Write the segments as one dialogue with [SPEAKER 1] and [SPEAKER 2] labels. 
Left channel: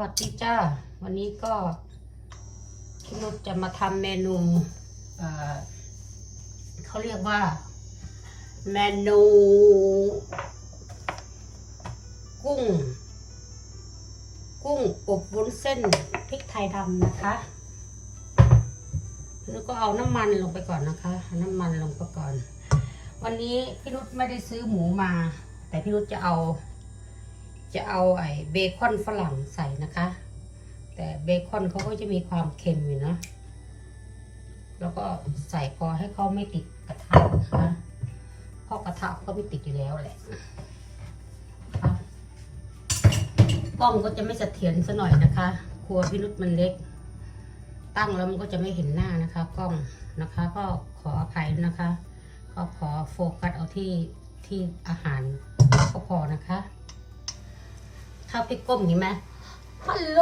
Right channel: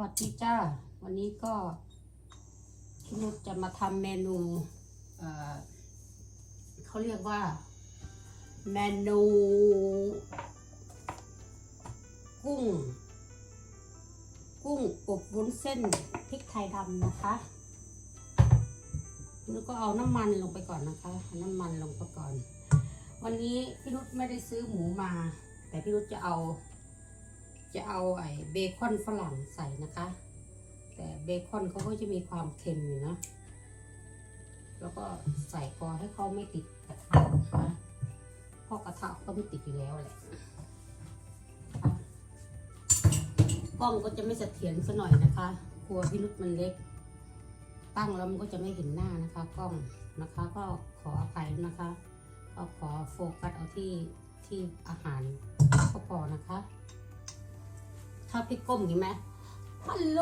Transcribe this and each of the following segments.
[SPEAKER 1] วัสดีจ้า วันนี้ก็พี่นุชจะมาทำเมนูเขาเรียกว่า เมนู กุ้ง กุ้งอบวุ้นเส้นพริกไทยดำนะคะ แล้วก็เอาน้ำมันลงไปก่อนนะคะ น้ำมันลงไปก่อน วันนี้พี่นุชไม่ได้ซื้อหมูมา แต่พี่นุชจะเอา จะเอาไอ้เบคอนฝรั่งใส่นะคะ แต่เบคอนเขาก็จะมีความเค็มอยู่นะแล้วก็ใส่พอให้เขาไม่ติดกระทะนะคะเพราะกระทะเขาก็ไม่ติดอยู่แล้วแหละกล้องก็จะไม่เสถียรซะหน่อยนะคะ ครัวพี่นุชมันเล็ก ตั้งแล้วมันก็จะไม่เห็นหน้านะคะ กล้องนะคะ ก็ขออภัยนะคะ ก็ขอโฟกัสเอาที่ที่อาหารก็พอนะคะ ถ้าพี่ก้มอย่างนี้ไหมฮัลโหล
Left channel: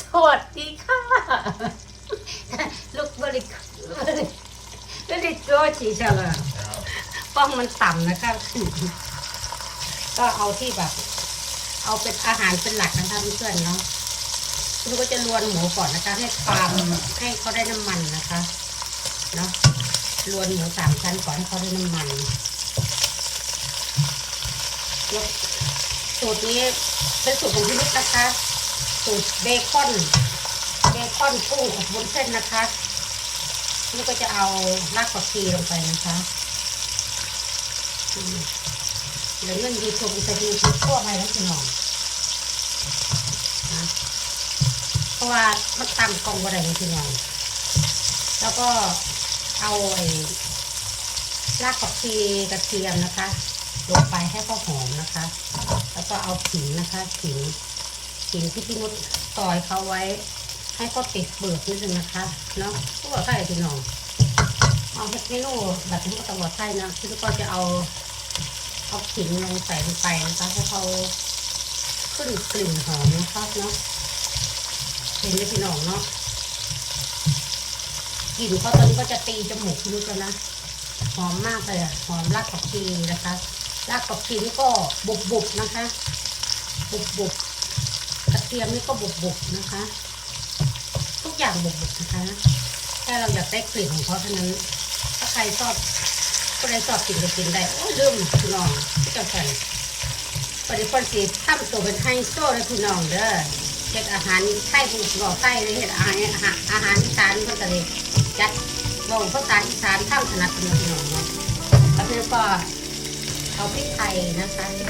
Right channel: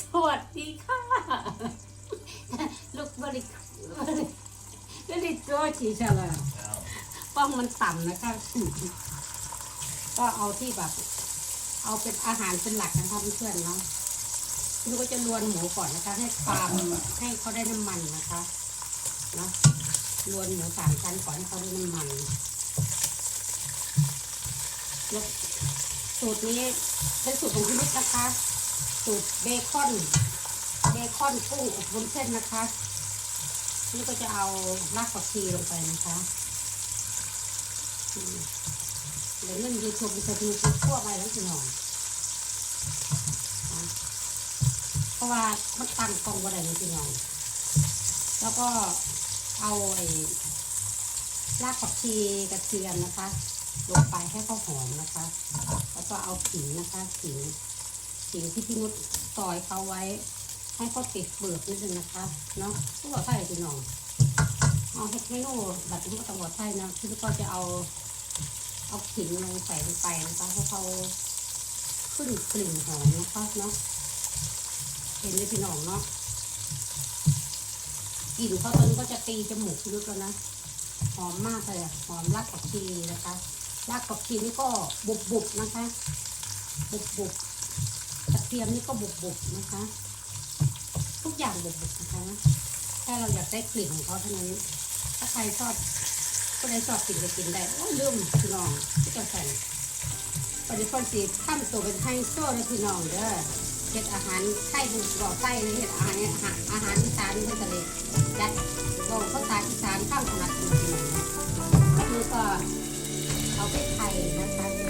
[SPEAKER 1] สวัสดีค่ะ ลูกบริกบริบริโกชีเชลป้องมันต่ำนะคะ ก็เอาที่แบบ เอาเป็นอาหารเป็นหลักนะคะเพื่อนเนาะคุณก็จะลวนหมูก่อนนะคะ ให้ความให้เขาได้น้ำมันนะคะ เนาะลวนหมูสามชั้นก่อนให้เขาได้น้ำมันแล้ว สูตรนี้เป็นสูตรของพี่นิดนะคะ สูตรเบคอนเบคอนกุ้งอบบนเส้นนะคะนี่ก็จะเอารากผักชีลงไปนะคะเดี๋ยวเรื่องยูทูบจะดูคลิปทั่วไปแล้วจะหน่อยเพราะว่ามันตั้งกองอะไรนี่พี่น้องแล้วก็เอาไอ้รากผักชีกระเทียมนะคะลงไปให้เขาหอมนะคะ ก็เอาขิงนะคะขิงขิงที่พี่นุชซอยเขาไว้ ให้เขาติดเปลือกนิดนึงนะคะเนาะผู้ว่าไส้พี่น้องเอาเมนูแบบนี้ก็ต้องว่าไส้นะพี่นุชก็จะเอาเอาขิงลงใส่ลงไปนะคะให้เขาขึ้นกลิ่นหอมนะคะเนาะเห็นไหมพี่น้องเนาะกลิ่นเขาตอนนี้ก็จะตีจมูกพี่นุชแล้วนะหอมมากเลยอะหอมรากผักชีนะคะ รากผักชีนี่ก็บุบบุบๆนะคะ บุบบุบๆกระเทียมนี่ก็บุบบุบๆนะคะ ทุกอย่างบุบบุบๆนะคะแค่เราอยากได้กลิ่นของเขาเท่านั้น ถ้าใครชอบก็ได้ชอบกินก็กินได้โอ้ยลืมพี่น้องพี่เจ้าแฟนปฏิพลสีตั้มตัวเป็นไฮโซเลยพี่น้องเด้อเฮ็ดอาหารไทยผูกหล่อไทยเลยเฮ็ดอาหารอาหารอีสานเพิ่นก็เลยจัดบอกภาษาอีสานทำถนัดพี่น้องเนาะแล้วก็ เอาพริกไทยนะคะ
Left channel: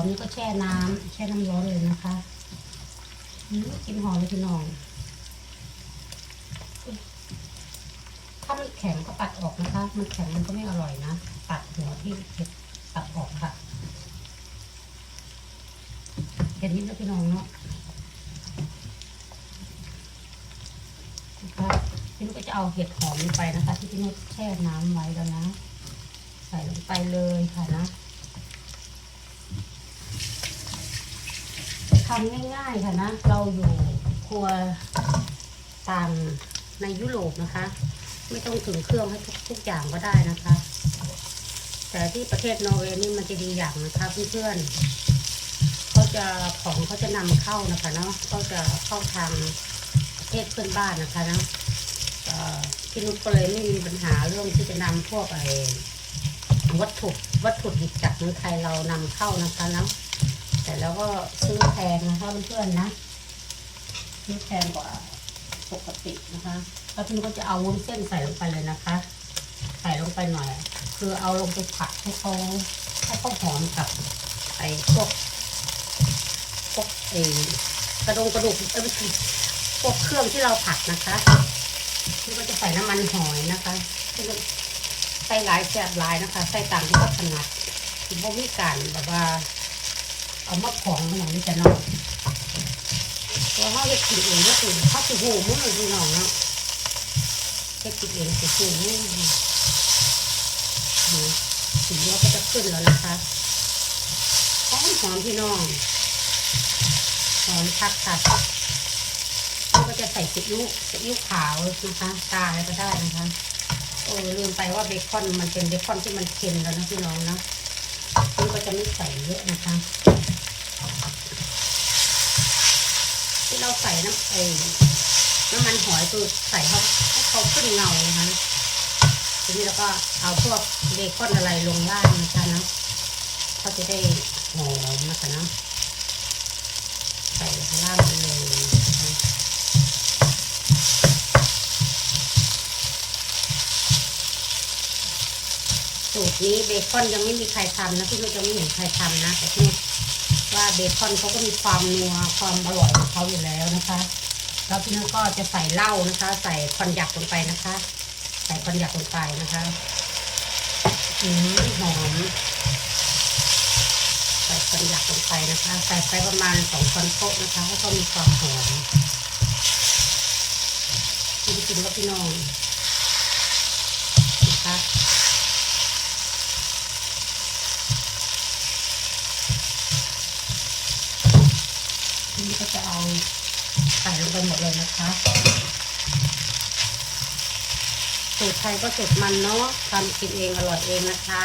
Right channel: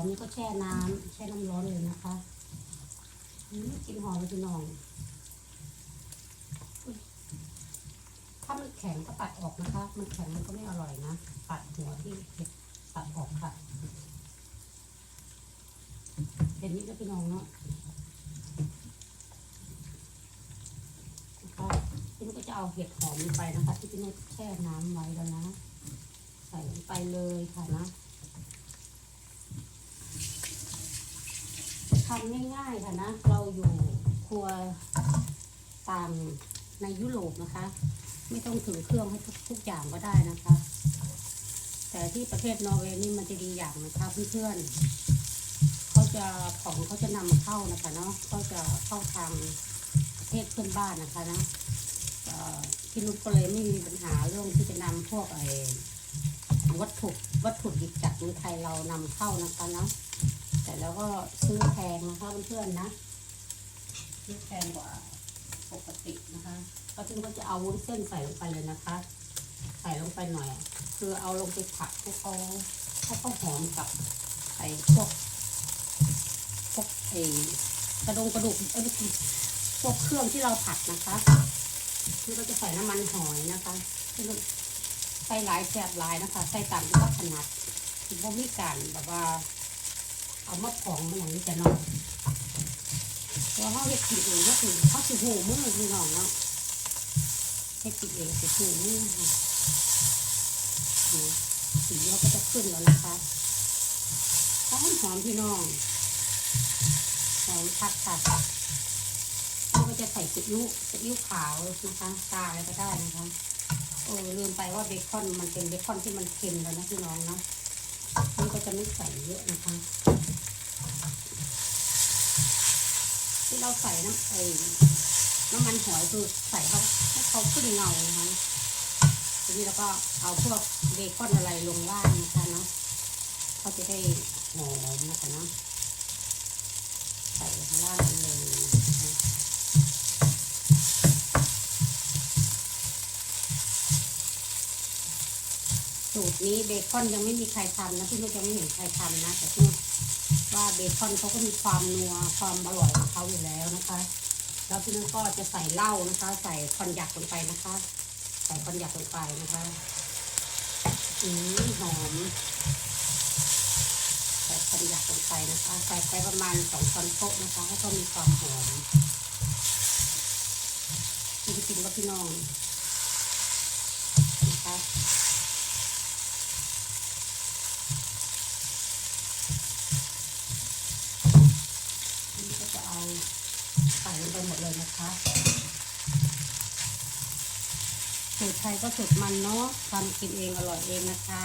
[SPEAKER 1] มนี่ก็แช่น้ำแช่น้ำร้อนเลยนะคะกินหอมเลยพี่น้องถ้ามันแข็งก็ตัดออกนะคะ มันแข็งมันก็ไม่อร่อยนะ ตัดหัวที่เห็ดตัดออกค่ะเห็นนิดแล้วพี่น้องเนาะนะคะพี่นุชก็จะเอาเห็ดหอมลงไปนะคะ ที่พี่นุชแช่น้ำไว้แล้วนะ ใส่ลงไปเลยค่ะนะ ทำง่ายๆค่ะนะ เราอยู่ครัวต่างในยุโรปนะคะ ไม่ต้องถึงเครื่องให้ทุกทุกอย่างก็ได้นะคะ แต่ที่ประเทศนอร์เวย์นี่มันจะดีอย่างนะคะเพื่อนๆเขาจะของเขาจะนำเข้านะคะเนาะเขาจะเข้าทางประเทศเพื่อนบ้านนะคะเนาะเอ่อพี่นุชก็เลยไม่มีปัญหาเรื่องที่จะนำพวกไอ้วัตถุวัตถุดิบจากเมืองไทยเรานำเข้านะคะเนาะ แต่แล้วก็ซื้อแพงนะคะเพื่อนๆนะซื้อแพงกว่าปกตินะคะแล้วพี่นุชก็จะเอาวุ้นเส้นใส่ลงไปเลยนะคะ ใส่ลงไปหน่อย คือเอาลงไปผัดให้เขาให้เขาหอมกับไอ้พวกพวกไอกระดงกระดูกเอ้ยพวกเครื่องที่เราผัดนะคะพี่ก็จะใส่น้ำมันหอยนะคะพี่ก็ใส่หลายแซ่บหลายนะคะ ใส่ตามที่เขาถนัดคือบ่มีการแบบว่า เอามาของมาอย่างนี้จะน้องเพราะเขาจะกินเองก็คือเขาสิหูมือพี่น้องเนาะแค่กินเองสิหูมือดูสีเราก็จะขึ้นแล้วนะคะหอมหอมพี่น้องหอมคักค่ะเราก็จะใส่ซีอิ๊วซีอิ๊วขาวนะคะตาอะไรก็ได้นะคะโอ้ลืมไปว่าเบคอนมันเป็นเบคอนที่มันเค็มแล้วนะพี่น้องนะนี่ก็จะไม่ใส่เยอะนะคะ ที่ เราใส่น้ำไอ้น้ำมันหอยคือใส่เขาให้เขาขึ้นเงานะคะทีนี้เราก็เอาพวกเบคอนอะไรลงล่างนะคะเนาะเขาจะได้หอมนะคะนะใส่ข้างล่างเลยสูตรนี้เบคอนยังไม่มีใครทำนะพี่นุชยังไม่เห็นใครทำนะแต่พี่นุช ว่าเบคอนเขาก็มีความนัวความอร่อยของเขาอยู่แล้วนะคะ แล้วพี่นุชก็จะใส่เหล้านะคะ ใส่คอนยักลงไปนะคะ ใส่คอนยักลงไปนะคะอืมหอมใส่คอนยักลงไปนะคะ ใส่ไปประมาณสองช้อนโต๊ะนะคะแล้วก็มีความหอมกินกินกับพี่น้องนะคะทีนี้ก็จะเอาใส่ลงไปหมดเลย นะคะสูตรไทยก็สูตรมันเนาะทำกินเองอร่อยเองนะคะ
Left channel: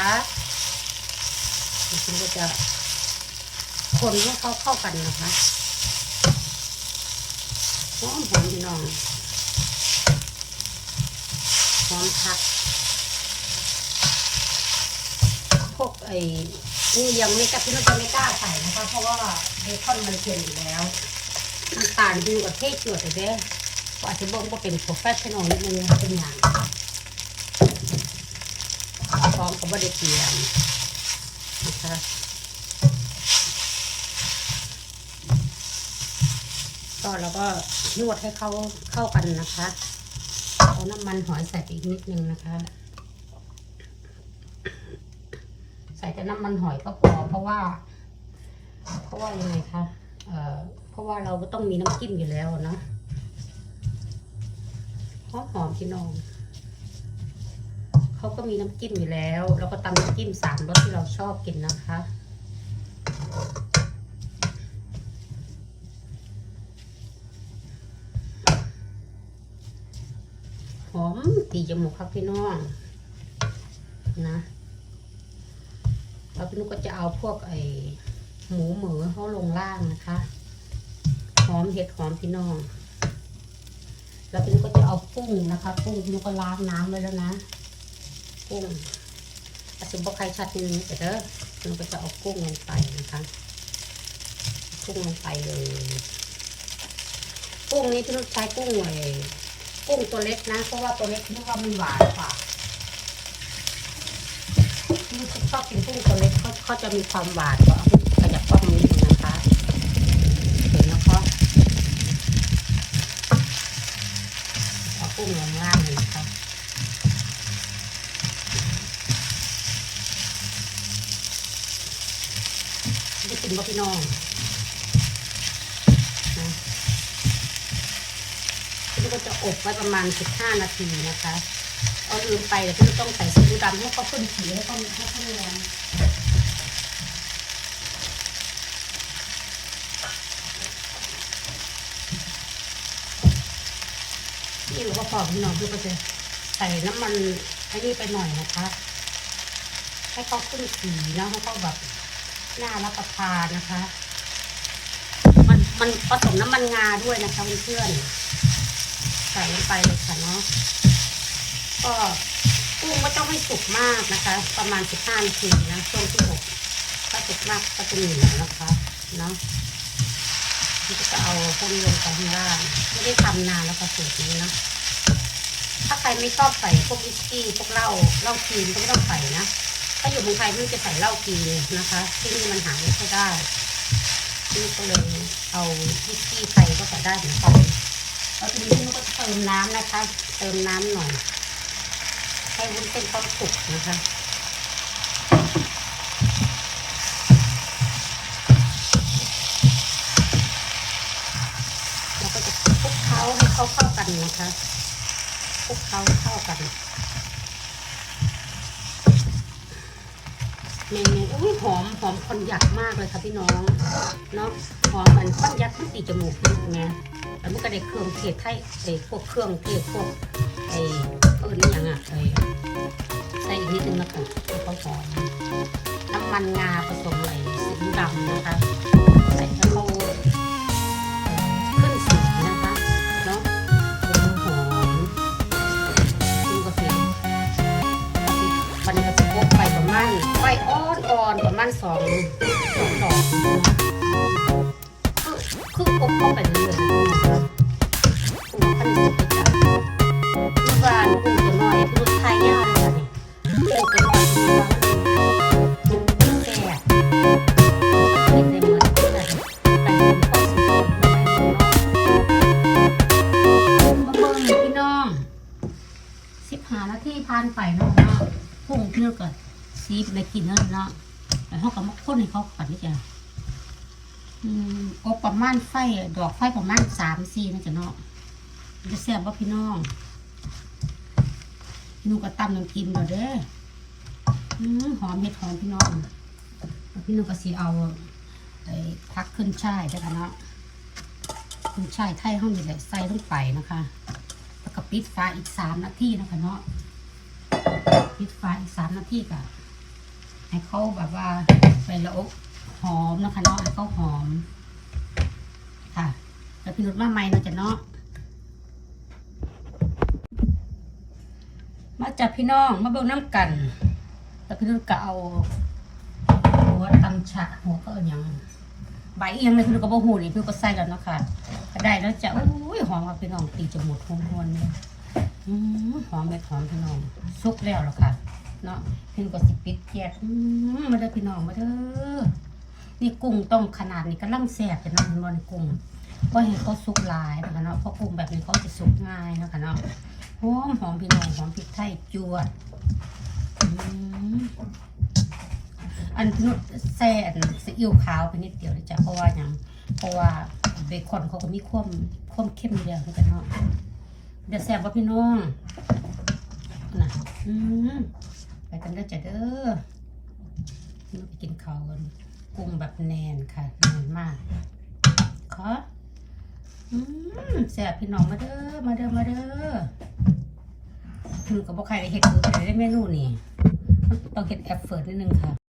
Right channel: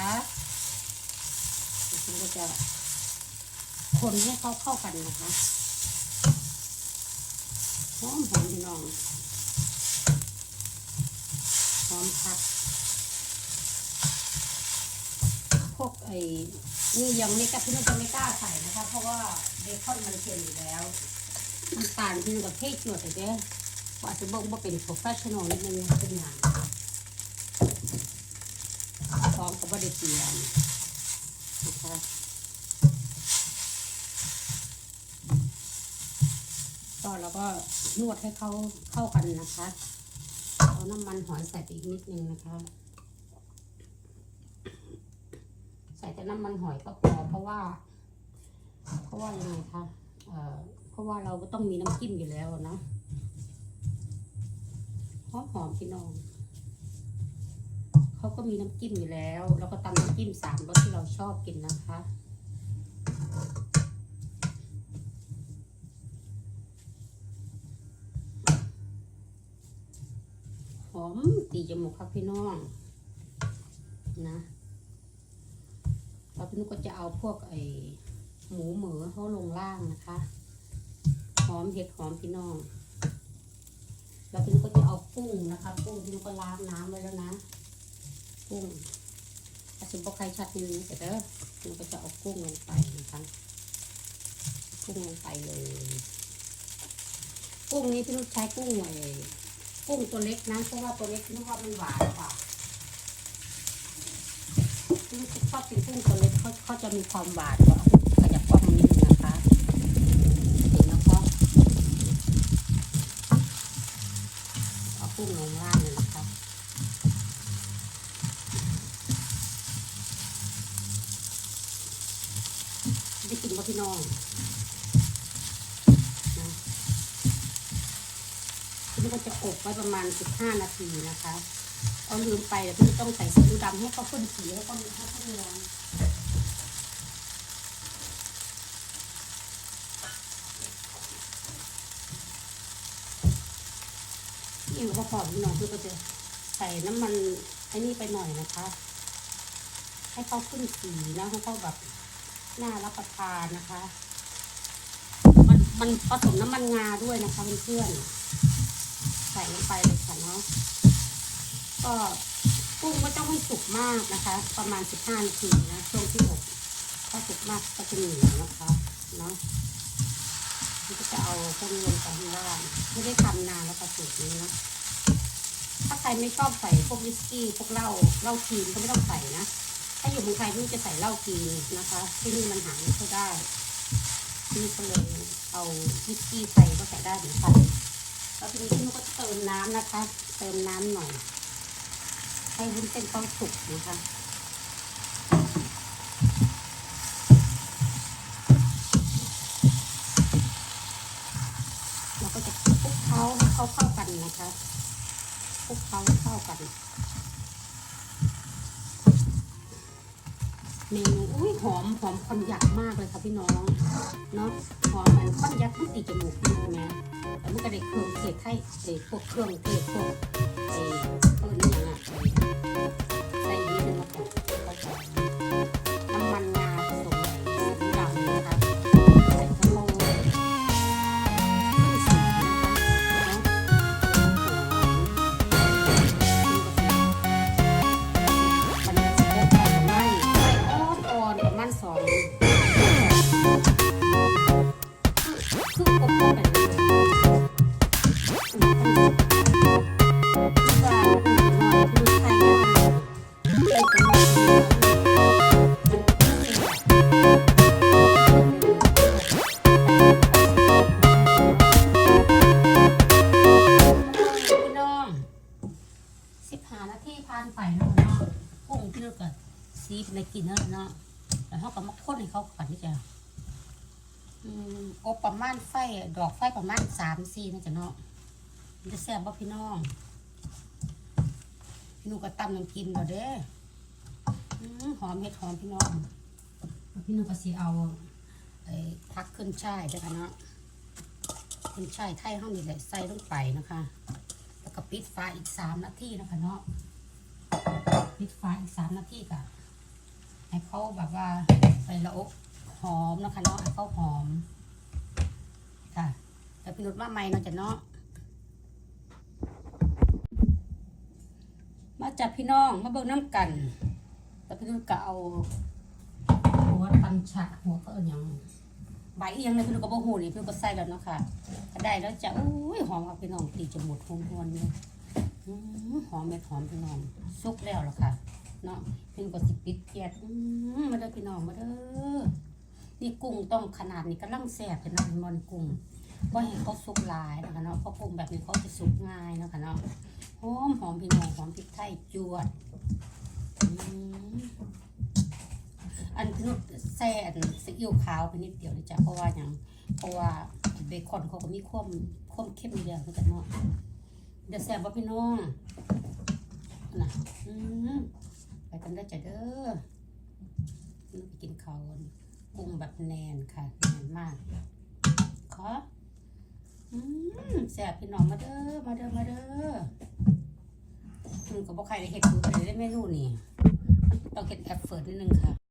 [SPEAKER 1] ฉันก็จะคนให้เขาเข้ากันนะคะหอมหอมพี่น้องหอมพักพวกไอ้นี่ยังไม่กล้าพี่นุชจะไม่กล้าใส่นะคะ เพราะว่าเบคอนมันเค็มอยู่แล้ว น้ำตาลดีกว่าเทศจวดเลยเด้อว่าจะบอกว่าเป็นโปรเฟชชั่นอลนิดนึงเป็นอย่างพร้อมกับบไดเตียมนะคะก็แล้วก็นวดให้เขาเข้ากันนะคะเอาน้ำมันหอยใส่ไปอีกนิดนึงนะคะ ใส่แต่น้ำมันหอยก็พอเพราะว่า เพราะว่ายังไงคะเอ่อ เพราะว่าเราก็ต้องมีน้ำจิ้มอยู่แล้วเนาะหอมหอมพี่น้องเขาก็มีน้ำจิ้มอยู่แล้วแล้วก็ตำน้ำจิ้มสามรสที่เราชอบกินนะคะหอมตีจมูกครับพี่น้องนะแล้วพี่นุกก็จะเอาพวกไอหมูเหมือเขาลงล่างนะคะ หอมเห็ดหอมพี่น้อง แล้วพี่นุกก็จะเอากุ้งนะคะกุ้งพี่นุกก็ล้างน้ำไว้แล้วนะ กุ้งอาจจะบกใครชัดนิดนึงแต่เด้อเราก็จะเอากุ้งลงไปนะคะกุ้งลงไปเลย กุ้งนี้พี่นุชใช้กุ้งไอ้กุ้งตัวเล็กนะเพราะว่าตัวเล็กพี่นุชว่ามันหวานกว่าพี่นุชชอบกินกุ้งตัวเล็กเขาเขาจะมีความหวานกว่าขยับกล้องนิดนึงนะคะ เห็นแล้วก็เอา กุ้งงางเลยนะคะได้กินว่าพี่น้องนะพี่ก็จะอบไว้ประมาณ 15 นาทีนะคะเอาลืมไปแต่พี่ต้องใส่ซีอิ๊วดำให้เขาขึ้นสีให้เขาให้เขาแรงนี่ ก็พอพี่น้องพี่ก็จะใส่น้ำมันไอ้นี่ไปหน่อยนะคะ ให้เขาขึ้นสีนะให้เขาแบบน่ารับประทานนะคะ มันมันผสมน้ำมันงาด้วยนะคะเพื่อนๆใส่ลงไปเลยค่ะเนาะก็กุ้งไม่ต้องให้สุกมากนะคะ ประมาณสิบห้านาทีนะช่วงที่อบถ้าสุกมากก็จะเหนียวนะคะเนาะก็จะเอาพวกนี้ลงไปข้างล่างไม่ได้ทำนานแล้วค่ะสูตรนี้นะถ้าใค รไม่ชอบใส่พวกวิสกี้พวกเหล้าเหล้าจีนก็ไม่ต้องใส่นะ ถ้าอยู่เมืองไทยไม่จะใส่เหล้าจีนนะคะ ที่นี่มันหาไม่ค่อยได้นี่ก็เลยเอาวิสกี้ไทยก็ใส่ได้เหมือนกันแล้วทีนี้พี่นุกก็จะเติมน้ำนะคะ เติมน้ำหน่อย ให้วุ้นเส้นเขาสุกนะคะเราก็จะคลุกเคล้าให้เขาเข้ากันนะคะ คลุกเคล้าเข้ากันเมนูอุ้ยหอมหอมคอนยักมากเลยค่ะพี่น้องเนาะหอมมันคอนยักที่ตีจมูกนี่ไงแล้วมันก็ได้เครื่องเทศไทยไอ้พวกเครื่องเทศพวกไอ้เออนี่ยังอะ สิบหานาทีผ่านไปเนาะเนาะพุ่งเพื่อก่อนซีบในกินเนาะเนาะแต่เขาก็มาค้นให้เขาก่อนนี่จ้ะอืมก็ประมาณไฟดอกไฟประมาณสามสี่นะจ๊ะเนาะ จะแซ่บป่ะพี่น้องพี่นุ่งก็ตำน้ำกินก่อนเด้หอมเห็ดหอมพี่น้องพี่นุ่งก็สีเอาไอ้พักขึ้นช่ายด้วยกันเนาะคุณชายไทยห้องนี่แหละใส่ลงไปนะคะแล้วก็ปิดฟ้าอีกสามนาทีนะคะเนาะปิดฟ้าอีกสามนาทีก็ให้เขาแบบว่าใส่ละอกหอมนะคะเนาะให้เขาหอมค่ะแล้วพี่นุชมาใหม่นะจ้ะเนาะ มาจับพี่น้องมาเบิ่งน้ำกันแล้วพี่นุชก็เอาหัวตังฉะหัวก็เอาหยังใบเอียงเลยคือก็บ่หูนี่คือก็ใส่แล้วเนาะค่ะก็ได้แล้วจะอุ้ยหอมกับพี่น้องตีจมูกหอมหวนเลยอืมหอมเม็ดหอมพี่น้องสุกแล้วหรอค่ะเนาะพี่ก็สิปิดแก๊สอืมมาเด้อพี่น้องมาเด้อนี่กุ้งต้องขนาดนี้กำลังแซ่บจะนะมันบ่นกุ้งก็ให้เขาสุกหลายนะคะเนาะเพราะกุ้งแบบนี้เขาจะสุกง่ายนะคะเนาะหอ มหอมพี่น้องหอมพริกไทยจวดอันนุดแซ่อันซีอิ๊วขาวไปนิดเดียวเลยจ้ะเพราะว่าอย่างเพราะว่าเบคอนเขาก็มีความความเข้มอยู่แล้วเหมือนกันเนาะเดี๋ยวแซ่บว่าพี่น้องนะอืมไปกันเด้อจ้ะเด้อนี่ไปกินเขากันกุ้งแบบแนนค่ะแนนมากขออืมแซ่บพี่น้องมาเด้อมาเด้อมาเด้อ ถึงกับบ่ใครได้เห็ดดูได้เมนูนี่ ต้องเห็ดแอปเฟิร์นิดนึงค่ะ